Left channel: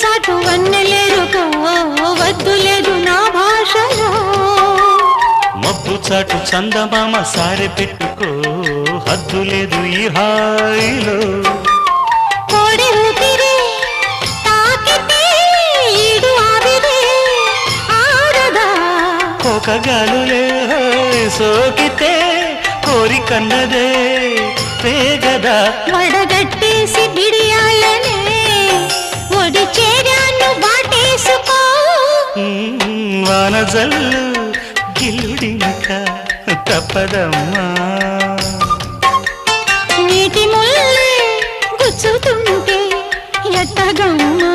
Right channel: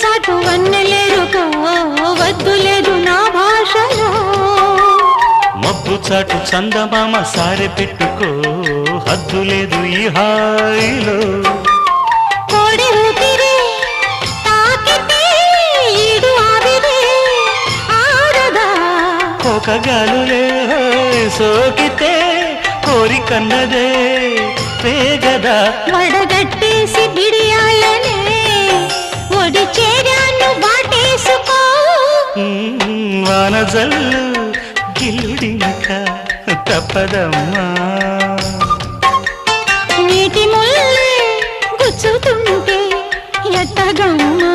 చాటు వన్నెలేరుకో వద్దు లేదు నా భాషలో మబ్బు చాటు చందమామ సారె పెట్టుకో హద్దు లేదు ఈ హాయిలో కోడి ఊపిరి తాకితే ఈడు ఆవిరే ఆడదా ఒక గాలులే సోకితే కోరికన్నదే పేగదా వడగట్టేసి బిడియాలనే ఒడి చేరాను బాటేసుకో వానజల్లు గిల్లుడినక తప్పదమ్మా నీటి ముల్లే గుచ్చుతుంటే ఎట్టగమ్మా